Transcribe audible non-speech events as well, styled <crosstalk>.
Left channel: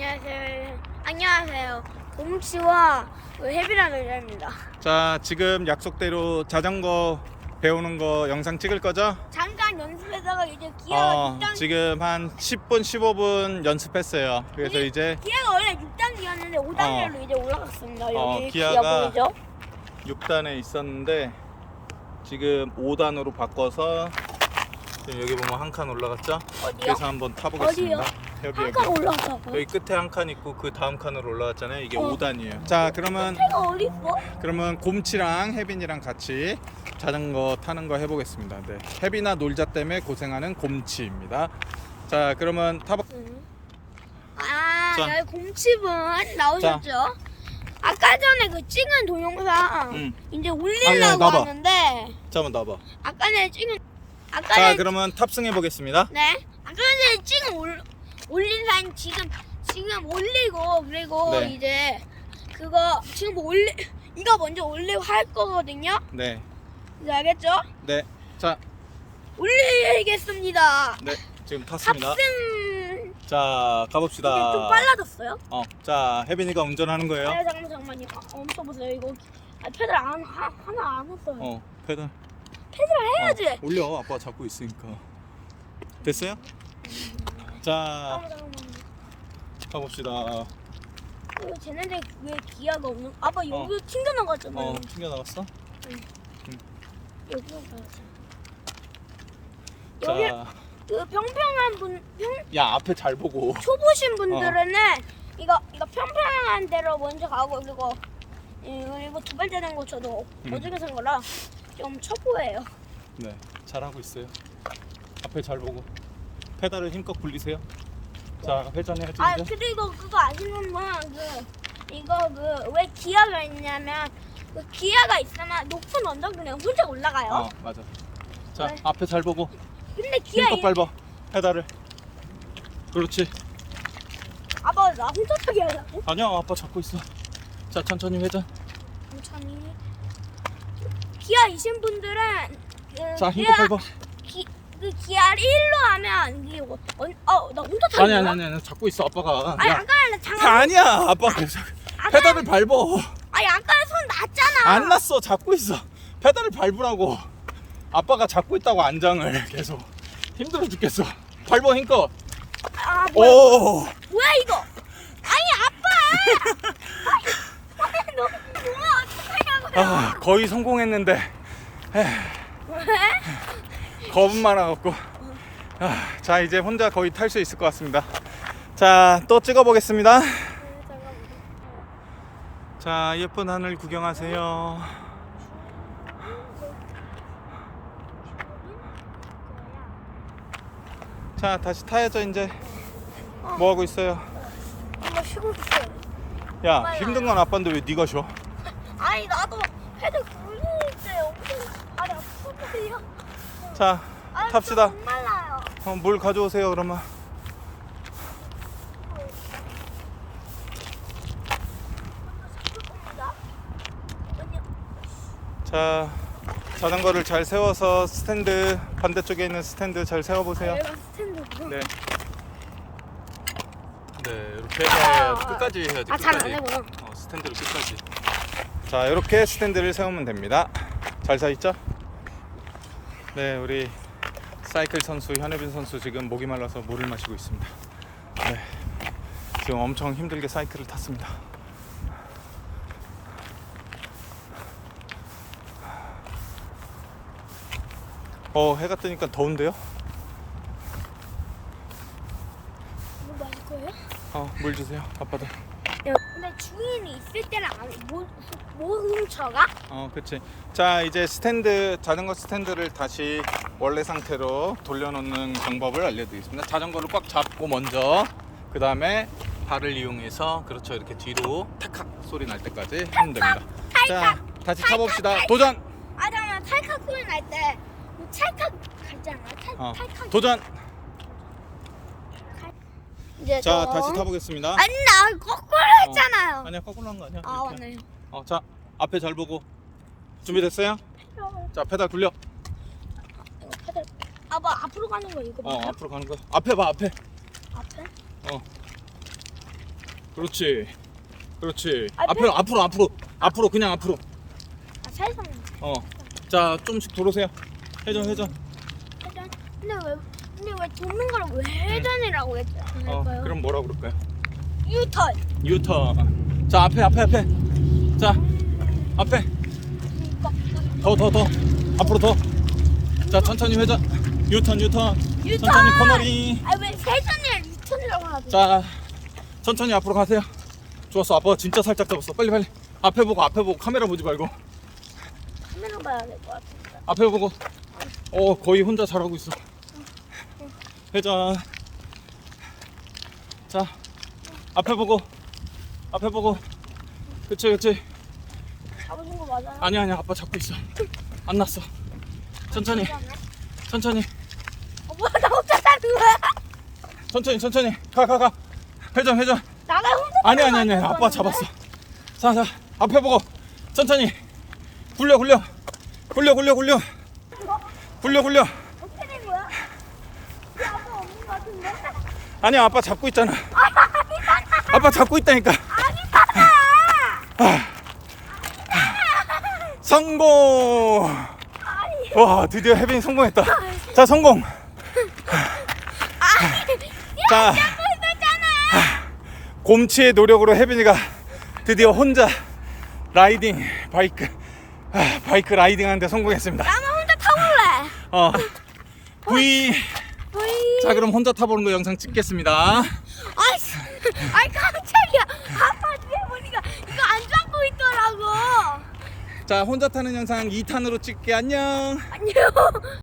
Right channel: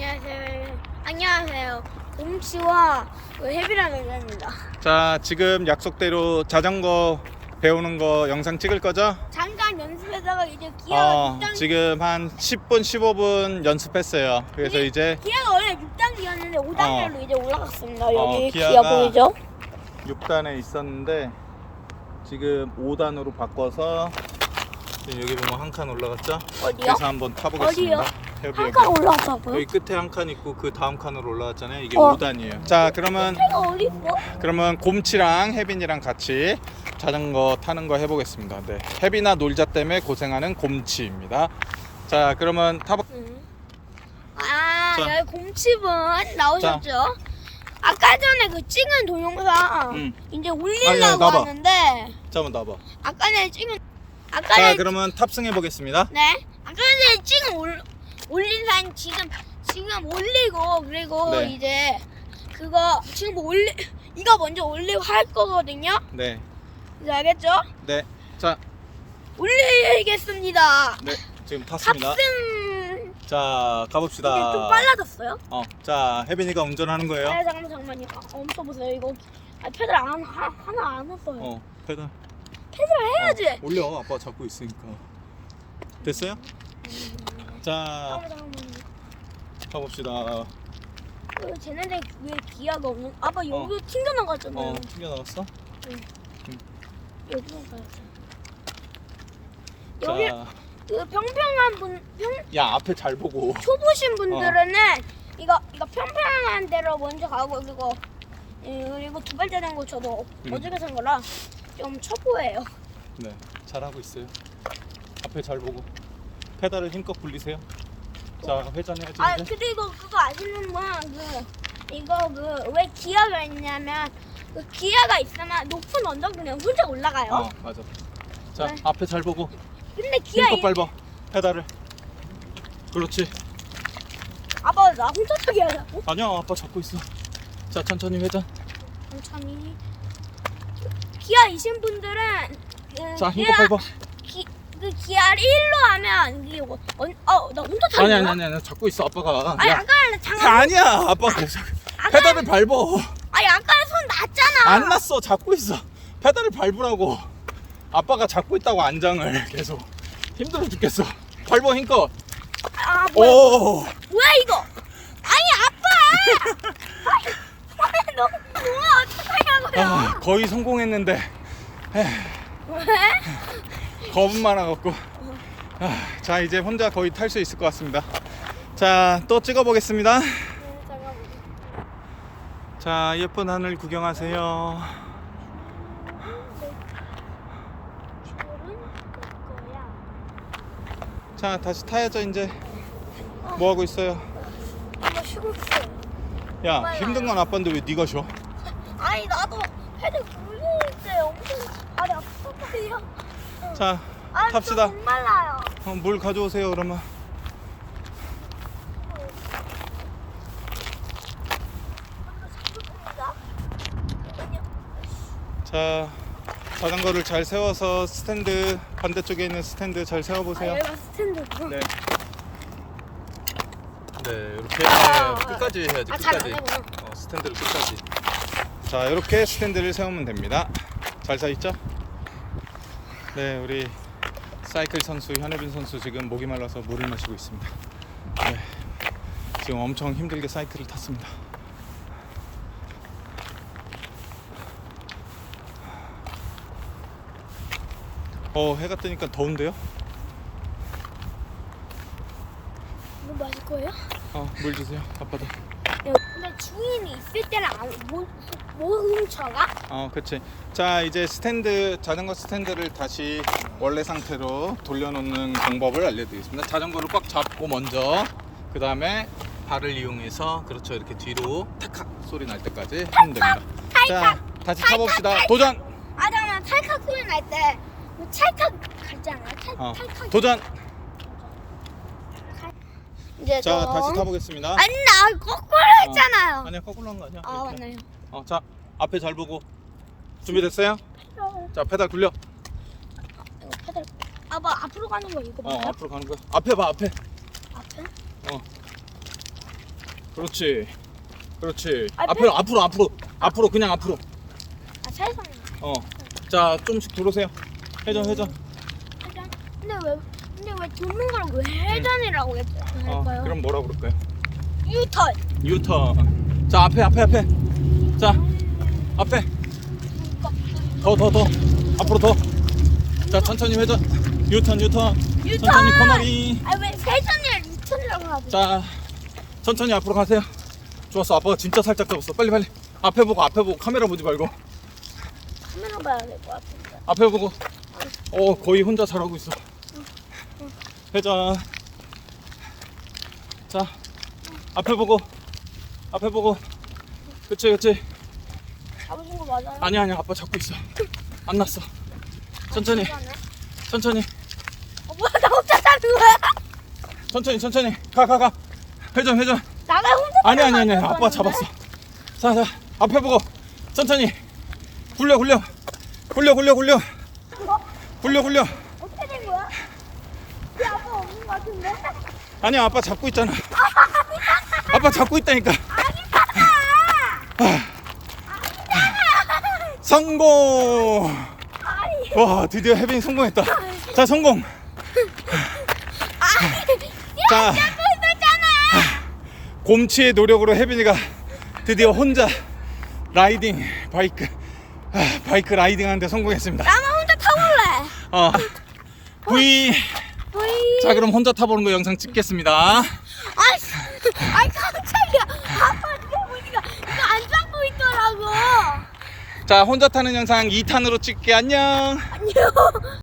안녕하세요. 안녕하세요. 곰치와 그 해비라는 여자입니다. 자, 지금 약속대로 자전거 배우는 거 영상 찍을 거죠? 잠깐 연습하다가 이제 기아가 어, 6단 지금 한 10분, 15분 연습했어요. 그래서 네. 이제 기아가 원래 6단계였는데 5단계로 이제 올라갔습니다. 어, 여기 기아가 기아 보이죠? 6단에 있었는데 지금 5단으로 바꿔서 지금 여기 보면 한 칸 올라갔죠? 어디요? 그래서 한번 타보겠습니다. 어디요? 여기 한 여기. 끝에 한 칸 있고 그 다음 칸으로 올라갔잖아요. 이게 어. 5단이에요. 자, 그러면 해가 어디 있어? 그러면 곰치랑 혜빈이랑 같이 자전거 타는 거 해보겠습니다. 네, 혜빈아 놀자 때문에 고생하는 곰치입니다. 자, 그러면 타보. 응. 아, 자. 곰칩은 나오셨죠? 아까 전에 그 찍은 동영상 응. 이제 아니, 올리려고 나봐. 하는데 잠깐 나봐. 아까 전에 찍은 아까 자, 그러면 탑승해 보겠습니다. 네. 아까 전에 지금 올, 올린 사진 지금 지금 올리고 그리고 네. 이제 그거 지금 올리 이거 먼저 올리고 할 거거든요. 네, 네, 알겠죠? 네. 자, 올리겠습니다. 네, 지금 탔습니다. 탑승 자, 가봅시다. 이게 좀 빨라졌어요. 어, 자, 혜빈이가 운전하는 거예요. 아 잠깐만 잠깐만요. 아, 엄청 보세요. 이거 아, 페달 안 하, 하나 안 했어요. 어, 페 달. 페달 해야지. 어, 올려. 아빠 잡고 있으니까. 됐어요? 자. 가봅시다. 어, 쟤네들 왜 기아가 없는? 아빠 여기 어. 튕겨 나갔잖아요. 어, 튕겨 나갔어? 여기로 가야지. 여기 자, 그 평평한 분, 평, 야, 앞에 잘 보고. 초보신 분들은 이거 이거 평평한 데로 먼저 가고 그리고 음, 그리고 두 번째 된거 저도 음. 어저께 산 거라 좀 초보예요. 네, 잘하고 있어요. 앞에 잘 보고. 페달을 힘껏 굴리세요. 자, 회전해 아 주세요. 그리고 그거 아시는 분그 이거 그 왜 기아가 있냐면 그 기아가 있으면 높은 언덕은 혼자 올라가요. 어, 맞아. 자, 네. 앞에 잘 보고. 근데 기아 힘껏 이- 밟아. 페달을. 그렇지. 아빠 나 혼자 타게 하려고? 아니야, 아빠 잡고 있어. 자, 천천히 회전. 천천히. 기아이신 분들은 그 자, 기아. 기, 그 기아를 1로 하면 이게 뭐, 언, 어, 나 혼자 타는 아니, 거야? 아니, 아니, 아니, 잡고 있어, 아빠가. 아니 야, 아까 장갑 아니야, 아빠. 아까 페달을 밟어. 아니 아까 손 났잖아. 안 났어, 잡고 있어. 페달을 밟으라고. 아빠가 잡고 있다고 안장을 계속. 힘들어 죽겠어. 밟아, 힘껏. 아 뭐야 오. 뭐야 이거? 아니 아빠. <laughs> 아니 너 뭐야 어떡하냐고요? 아, 거의 성공했는데 왜? 겁은 많아갖고. 아, 자 이제 혼자 거의 탈 수 있을 것 같습니다. 자 또 찍어보겠습니다. 네. 자 예쁜 하늘 구경하세요. 자 다시 타야죠 이제. 뭐 하고 있어요? 이거 쉬고 있어요. 야 힘든 건 아빠인데 왜 네가 쉬어 아니 나도 헤드 굴릴 때 엄청 발이 아팠단 말이야. 자 아, 탑시다. 말라요. 어, 물 가져오세요 그러면 먼저 잡을 겁니다. 잠깐만요. 자 자전거를 잘 세워서 스탠드 반대쪽에 있는 스탠드 잘 아 세워보세요 얘가 스탠드구나. 네. 네, 이렇게 아, 네, 끝까지 해야지. 아, 잘 안 끝까지. 하구나. 어, 스탠드를 끝까지. 자, 이렇게 스탠드를 세우면 됩니다. 잘 서 있죠? 네, 우리 사이클 선수 현혜빈 선수 지금 목이 말라서 물을 마시고 있습니다. 네, 지금 엄청 힘들게 사이클을 탔습니다. 어, 해가 뜨니까 더운데요? 물 마실 거예요? 어, 물 주세요. 아빠도. 근데 주인이 있을 때는 안, 못, 못 훔쳐가? 어, 그치. 자, 이제 스탠드, 자전거 스탠드를 다시 원래 상태로 돌려놓는 방법을 알려드리겠습니다. 자전거를 꽉 잡고 먼저, 그 다음에 발을 이용해서, 그렇죠. 이렇게 뒤로 탁탁 소리 날 때까지 하면 됩니다. 자, 다시 타봅시다. 도전! 아, 잠깐만, 찰칵 소리 날 때, 그 찰칵 같잖아. 찰, 어, 찰칵. 도전! 이제 자, 좀- 다시 타보겠습니다. 아니, 나 거꾸로 했잖아요. 아니야, 거꾸로 한거 아니야. 아, 이렇게. 맞네. 어, 자, 앞에 잘 보고. 준비됐어요? 자, 페달 굴려. 이거 페달. 아빠 앞으로 가는 거 이거 어, 맞아요? 앞으로 가는 거야. 앞에 봐, 앞에. 앞에? 어. 그렇지. 그렇지. 아, 앞으로 앞으로 앞으로 앞으로 그냥 앞으로. 아 살살. 어. 자 좀씩 돌으세요. 회전 회전. 회전. 근데 왜 근데 왜 돕는 걸왜 회전이라고 했- 어. 할까요? 그럼 뭐라 그럴까요? 유턴. 유턴. 자 앞에 앞에 앞에. 자 앞에. 더 더 더. 앞으로 더. 자 천천히 회전. 유턴 유턴. 유턴. 천천히 코너링. 아왜 회전을 유턴이라고 하지? 자 천천히 앞으로 가세요. 좋았어. 아빠가 진짜 살짝 잡았어. 빨리 빨리. 앞에 보고 앞에 보고 카메라 보지 말고 카메라 봐야 될 것 같은데. 앞에 보고. 어 거의 혼자 잘하고 있어. 회전. 자 앞에 보고 앞에 보고. 그치 그치. 잡으신 거 맞아요? 아니야 아니야 아빠 잡고 있어. 안 났어. 천천히 진짜네. 천천히 어, 뭐야 나 혼자 사는 거야? 천천히 천천히 가 가 가. 회전 회전. 나가 혼자 아니 아니 아니 아빠? 잡았어. 자자 앞에 보고 천천히 굴려 굴려 굴려 굴려 굴려 어? 굴려 굴려. 어떻게 된 거야? 이 아빠 없는 거 같은데? 아니야 아빠 잡고 있잖아. 아빠 잡고 있다니까. 아. 성공. 아니 와 드디어 혜빈이 성공했다. 자 성공. 자 잡고 있었잖아. 곰치의 노력으로 혜빈이가 드디어 혼자 라이딩 바이크 아, 바이크 라이딩 하는데 성공했습니다. 나만 혼자 타볼래. 어. V. 어이. 자 그럼 혼자 타보는 거 영상 찍겠습니다. 아이, 아이 깜짝이야. 아빠 뒤에 보니까 이거 안 잡고 있더라고. 자 혼자 타는 영상 2탄으로 찍게 안녕. 안녕.